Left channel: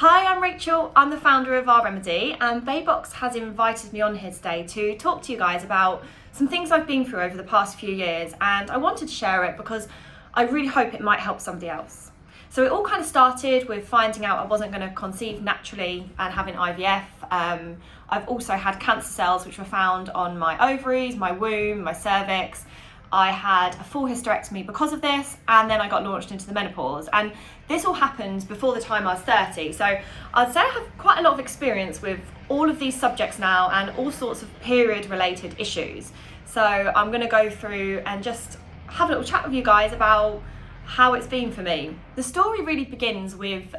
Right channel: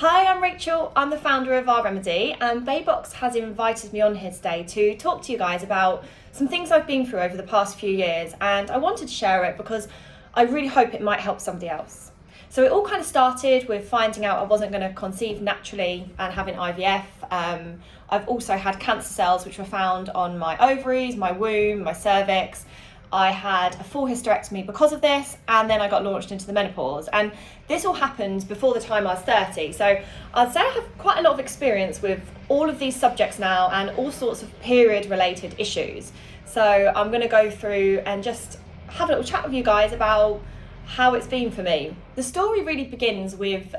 Hi, I'm Rachel. I'm the founder of Our Remedy, and Baybox has invited me on here today to talk to you guys about some things I've been through over the past few years, and I wanted to share it because I really hope it might help somebody else. So it all kind of started with finding out I wasn't going to conceive naturally and having IVF. I've also had cancer cells which were found on my ovaries, my womb, my cervix. I had a full hysterectomy because of this, and then I got launched into the menopause. And this all happened before the time I was 30. So I'd say I have quite a lot of experience with all of these subjects now and all sorts of period related issues. So I'm going to go through and just have a little chat with you guys about how it's been for me. The story really begins with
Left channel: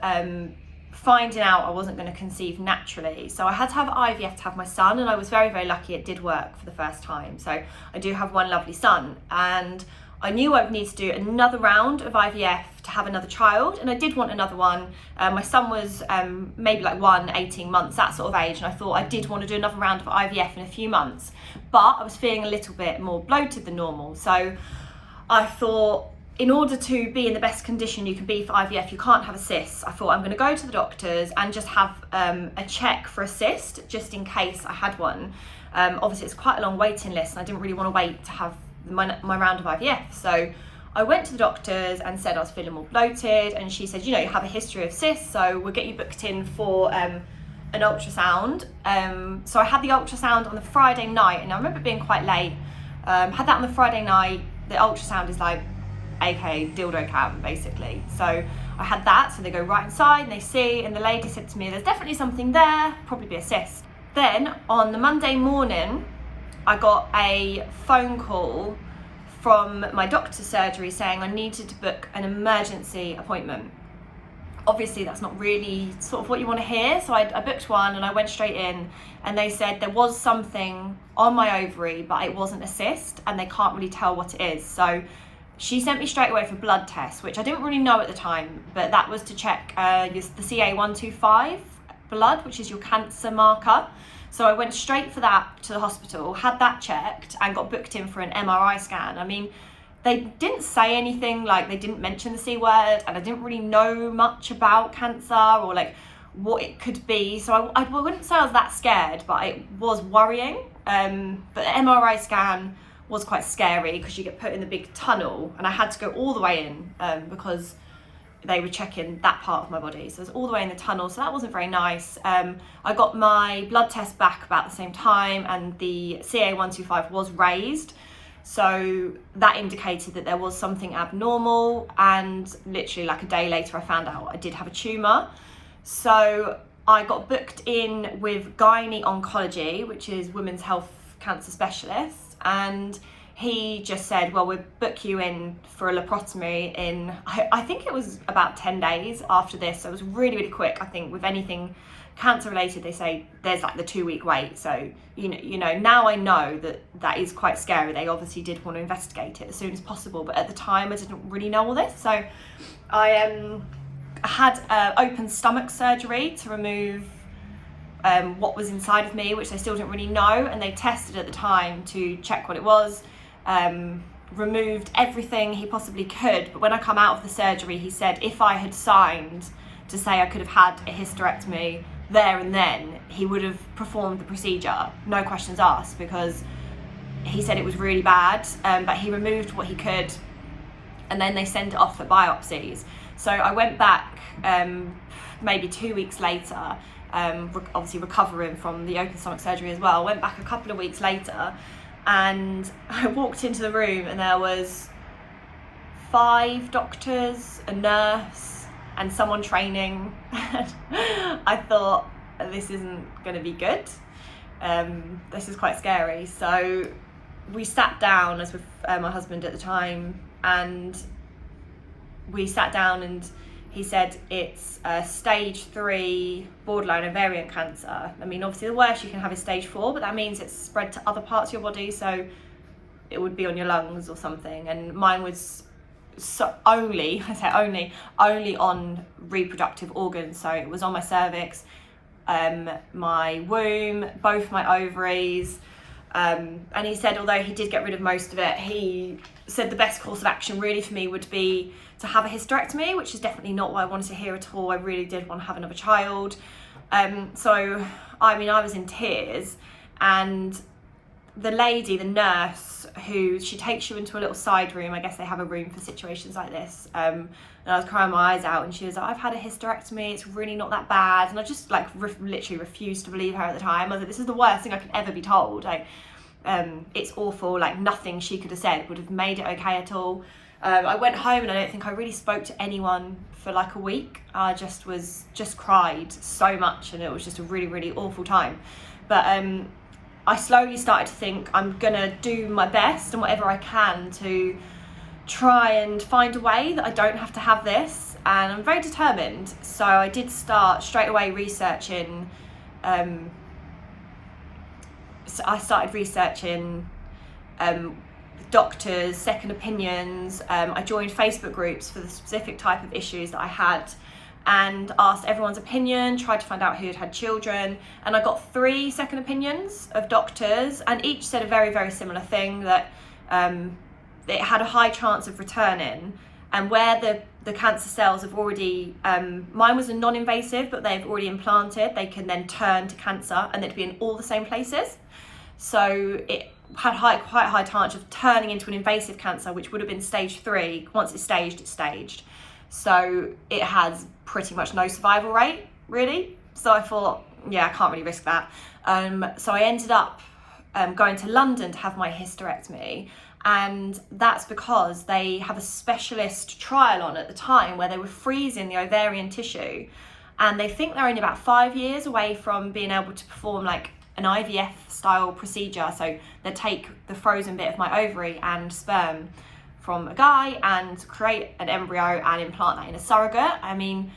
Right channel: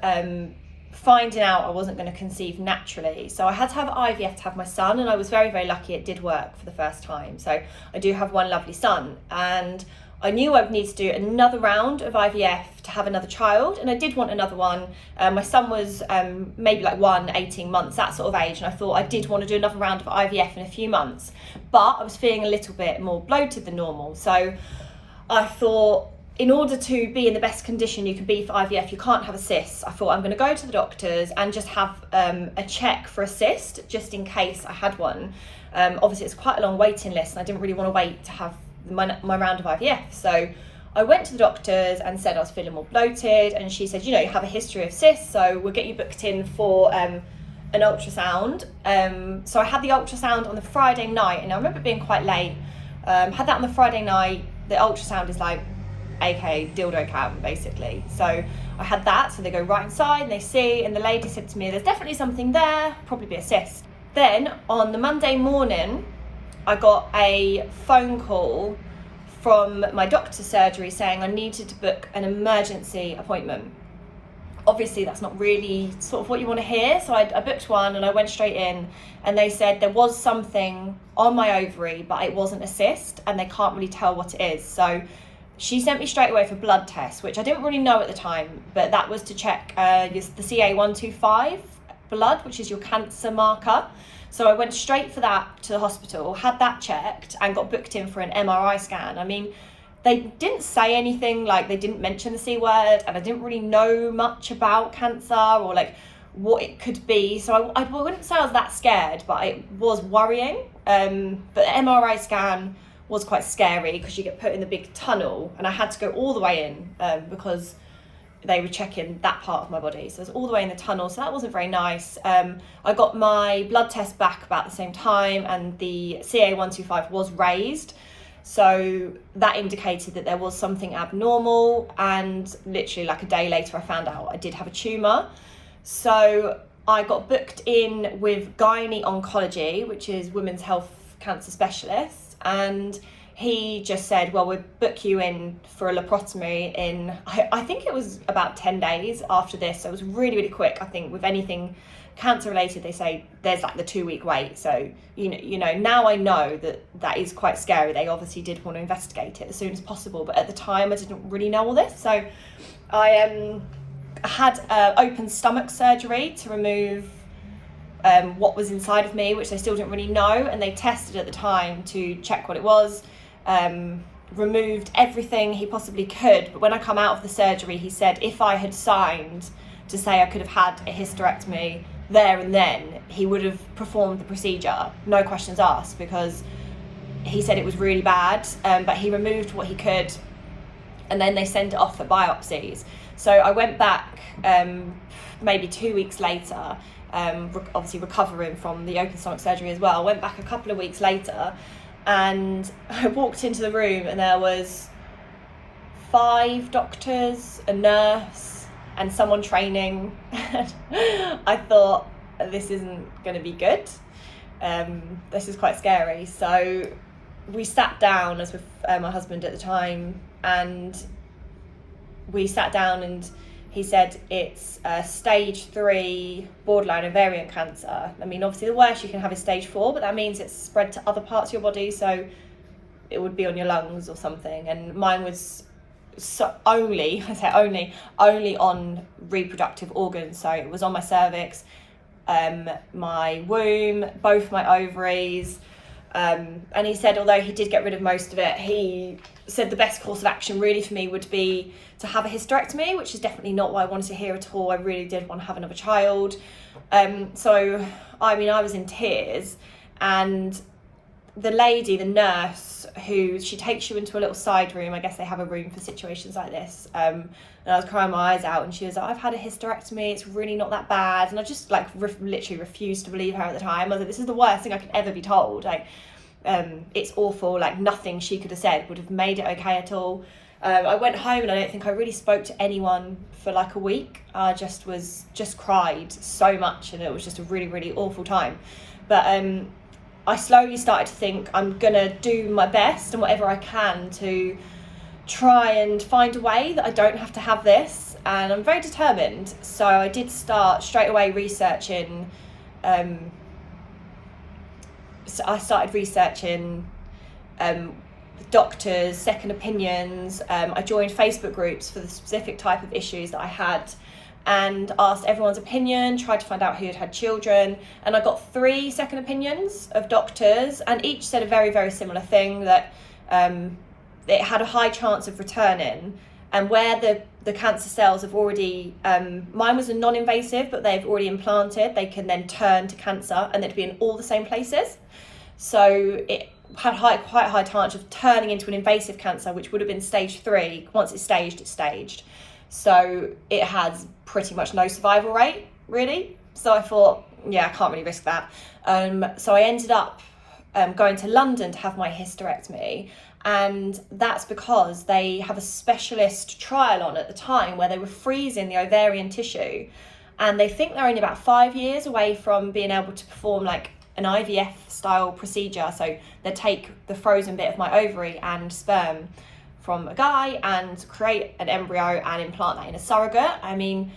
finding out I wasn't going to conceive naturally. So I had to have IVF to have my son, and I was very, very lucky it did work for the first time. So I do have one lovely son, and I knew I would need to do another round of IVF to have another child, and I did want another one. My son was maybe like 18 months, that sort of age, and I thought I did want to do another round of IVF in a few months, but I was feeling a little bit more bloated than normal. So I thought, in order to be in the best condition you can be for IVF, you can't have a cyst. I thought I'm going to go to the doctors and just have a check for a cyst, just in case I had one. Obviously it's quite a long waiting list, and I didn't really want to wait to have my round of IVF. So I went to the doctors and said I was feeling more bloated, and she said, you know, you have a history of cysts, so we'll get you booked in for an ultrasound. So I had the ultrasound on the Friday night, and I remember it being quite late. Had that on the Friday night. The ultrasound is like aka dildo cam basically. So I had that, so they go right inside and they see, and the lady said to me, there's definitely something there, probably be a cyst. Then on the Monday morning I got a phone call from my doctor's surgery saying I needed to book an emergency appointment. Obviously that's not really sort of what you want to hear, so I booked one and I went straight in, and they said there was something on my ovary but it wasn't a cyst and they can't really tell what it is. So she sent me straight away for blood tests, which I didn't really know at the time, but that was to check the CA125 blood, which is your cancer marker. So I went straight for that to the hospital, had that checked, and got booked in for an MRI scan. I mean, they didn't say anything, like they didn't mention the C word, and I didn't really know much about cancer or like what it could be. So I wouldn't say I was that scared, but it was worrying. But the MRI scan was quite scary because you get put in the big tunnel, and I had to go all the way in because they were checking that part of my body. So I was all the way in the tunnel, so that wasn't very nice. I got my blood test back about the same time, and the CA125 was raised. So that indicated that there was something abnormal, and literally like a day later I found out I did have a tumour. So I got booked in with gynae oncology, which is women's health cancer specialists, and he just said, well, we'll book you in for a laparotomy in, I think it was about 10 days after this. So it was really, really quick. I think with anything cancer related, they say there's like the 2-week wait. So, you know, now I know that is quite scary. They obviously did want to investigate it as soon as possible, but at the time I didn't really know all this. So I had open stomach surgery to remove what was inside of me, which they still didn't really know, and they tested at the time to check what it was. Removed everything he possibly could, but when I come out of the surgery, he said if I had signed to say I could have had a hysterectomy there and then, he would have performed the procedure, no questions asked, because he said it was really bad. But he removed what he could, and then they sent it off for biopsies. So I went back maybe 2 weeks later, obviously recovering from the open stomach surgery as well. Went back a couple of weeks later, and I walked into the room, and there was 5 doctors, a nurse, and someone training. I thought, this isn't going to be good. This is quite scary. So we sat down, I was with my husband at the time, and we sat down, and he said it's stage 3 borderline ovarian cancer. I mean, obviously the worst you can have is stage 4, but that means it's spread to other parts of your body, so it would be on your lungs or something. And mine was only on reproductive organs, so it was on my cervix, my womb, both my ovaries. And he said, although he did get rid of most of it, he said the best course of action really for me would be to have a hysterectomy, which is definitely not what I wanted to hear at all. I really did want to have another child. So, I mean, I was in tears, and the lady, the nurse, she takes you into a little side room. I guess they have a room for situations like this. And I was crying my eyes out, and she was like, I've had a hysterectomy, it's really not that bad. And I just like literally refused to believe her at the time. I was like, this is the worst thing I could ever be told. Like, it's awful, like nothing she could have said would have made it okay at all. I went home and I don't think I really spoke to anyone for like a week. I just cried so much, and it was just a really, really awful time. But I slowly started to think I'm gonna do my best and whatever I can to try and find a way that I don't have to have this, and I'm very determined. So I did start straight away researching. So I started researching doctors, second opinions. I joined Facebook groups for the specific type of issues that I had, and asked everyone's opinion, tried to find out who had had children, and I got 3 second opinions of doctors, and each said a very, very similar thing, that it had a high chance of returning, and where the cancer cells have already, mine was a non-invasive, but they've already implanted, they can then turn to cancer, and they'd be in all the same places. So it had quite a high chance of turning into an invasive cancer, which would have been stage 3. Once it's staged, it's staged. So it has pretty much no survival rate, really. So I thought, yeah, I can't really risk that. So I ended up going to London to have my hysterectomy. And that's because they have a specialist trial on at the time where they were freezing the ovarian tissue. And they think they're only about 5 years away from being able to perform like an IVF style procedure. So they take the frozen bit of my ovary and sperm from a guy and create an embryo and implant that in a surrogate. I mean,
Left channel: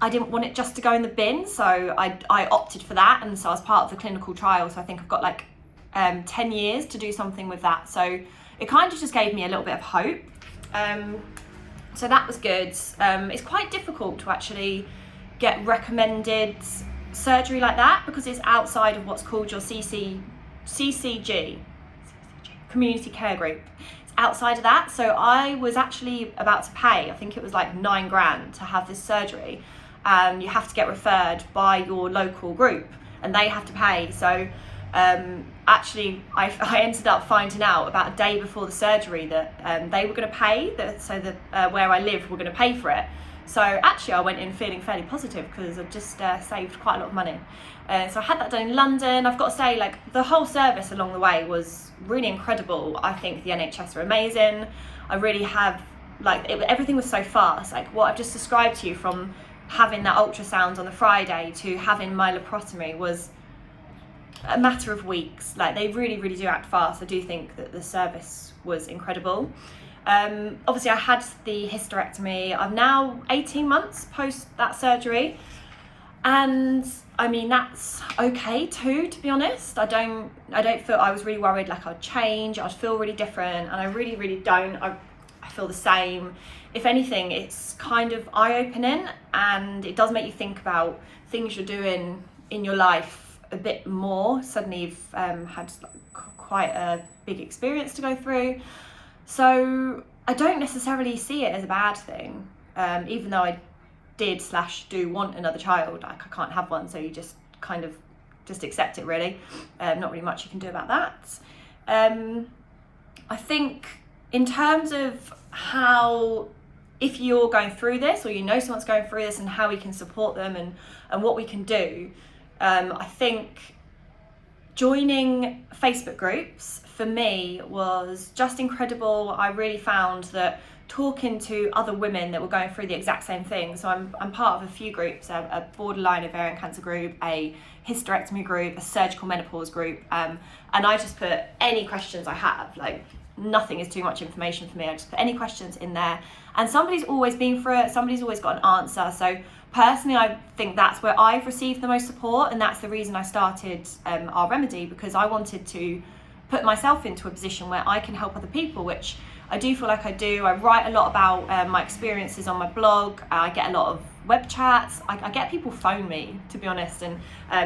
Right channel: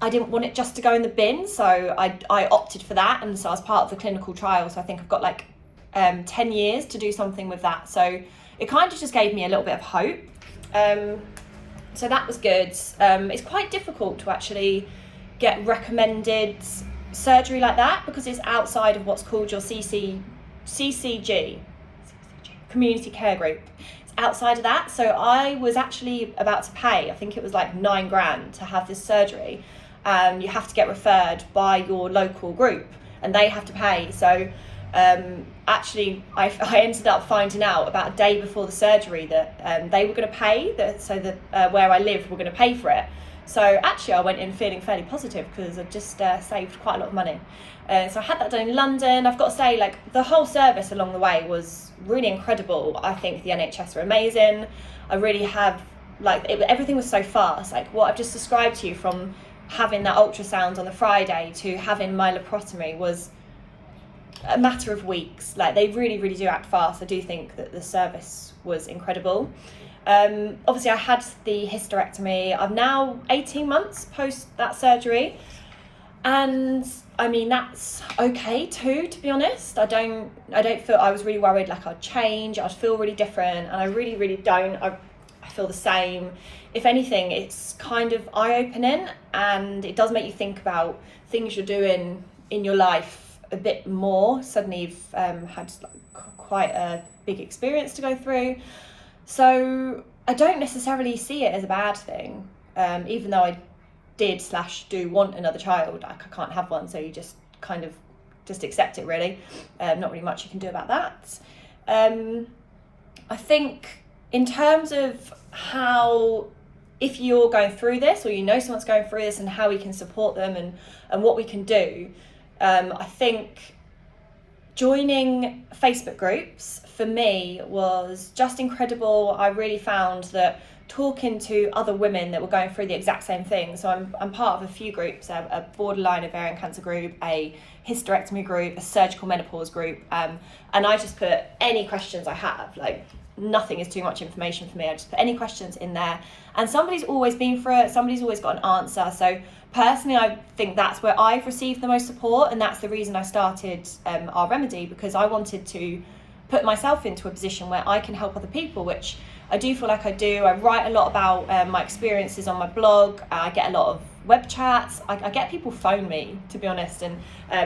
I didn't want it just to go in the bin, so I opted for that, and so I was part of the clinical trial. So I think I've got like 10 years to do something with that. So it kind of just gave me a little bit of hope. So that was good. It's quite difficult to actually get recommended surgery like that because it's outside of what's called your CCG, community care group. It's outside of that. So I was actually about to pay, I think it was like £9,000 to have this surgery. You have to get referred by your local group and they have to pay. So actually I ended up finding out about a day before the surgery that they were going to pay, where I live were going to pay for it. So actually I went in feeling fairly positive because I just saved quite a lot of money. So I had that done in London. I've got to say, like, the whole service along the way was really incredible. I think the NHS are amazing. I really have, everything was so fast. Like what I've just described to you, from having that ultrasound on the Friday to having my laparotomy, was a matter of weeks. Like, they really, really do act fast. I do think that the service was incredible. Obviously I had the hysterectomy. I'm now 18 months post that surgery, and I mean that's okay too, to be honest. I don't feel, I was really worried like I'd change, I'd feel really different, and I really, really don't. I feel the same. If anything, it's kind of eye-opening, and it does make you think about things you're doing in your life a bit more. Suddenly you've had quite a big experience to go through. So I don't necessarily see it as a bad thing, even though I do want another child. Like, I can't have one, so you just kind of just accept it, really. Not really much you can do about that. I think in terms of how, if you're going through this or you know someone's going through this, and how we can support them and what we can do, I think joining Facebook groups for me was just incredible. I really found that talking to other women that were going through the exact same thing. So I'm part of a few groups, a borderline ovarian cancer group, a hysterectomy group, a surgical menopause group, and I just put any questions I have. Like, nothing is too much information for me. I just put any questions in there, and somebody's always been through it. Somebody's always got an answer. So personally, I think that's where I've received the most support, and that's the reason I started Our Remedy, because I wanted to put myself into a position where I can help other people, which I do feel like I do. I write a lot about my experiences on my blog. I get a lot of web chats. I get people phone me, to be honest, and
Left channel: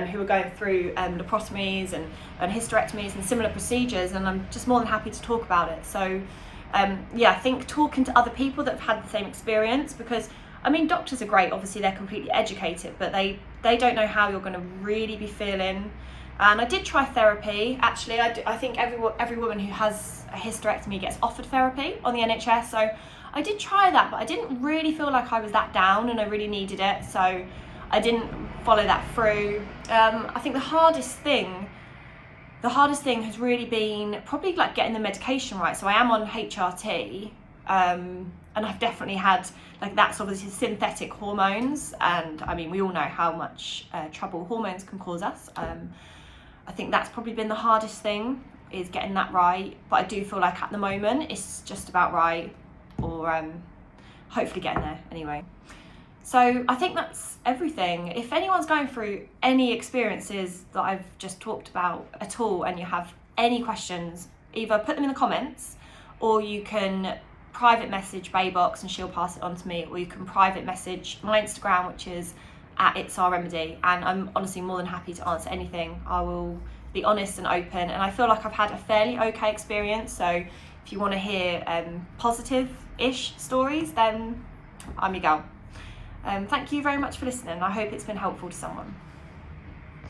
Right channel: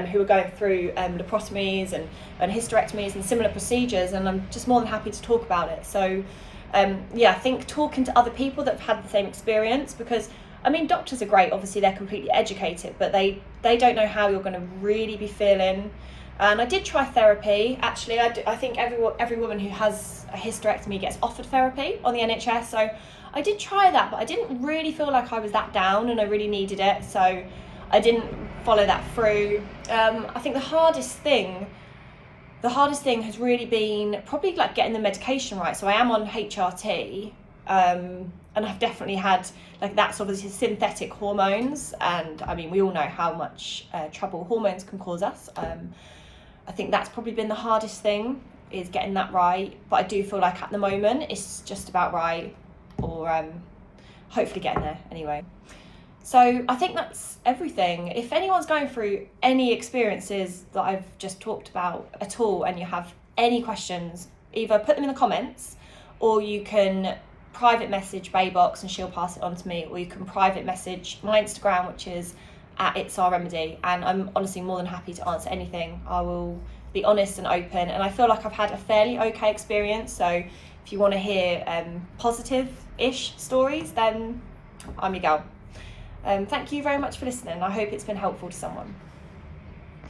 who are going through laparotomies and hysterectomies and similar procedures, and I'm just more than happy to talk about it. So I think talking to other people that have had the same experience, because I mean, doctors are great, obviously they're completely educated, but they don't know how you're going to really be feeling. And I did try therapy. Actually, I think every woman who has a hysterectomy gets offered therapy on the NHS, so I did try that, but I didn't really feel like I was that down and I really needed it, so I didn't follow that through. I think the hardest thing has really been probably like getting the medication right. So I am on HRT, and I've definitely had, like, that's obviously synthetic hormones, and I mean, we all know how much trouble hormones can cause us. I think that's probably been the hardest thing, is getting that right, but I do feel like at the moment it's just about right, or hopefully getting there anyway. So I think that's everything. If anyone's going through any experiences that I've just talked about at all, and you have any questions, either put them in the comments, or you can private message Baybox and she'll pass it on to me, or you can private message my Instagram, which is @itsourremedy, and I'm honestly more than happy to answer anything. I will be honest and open, and I feel like I've had a fairly okay experience, so if you want to hear positive-ish stories, then I'm your girl. Thank you very much for listening. I hope it's been helpful to someone.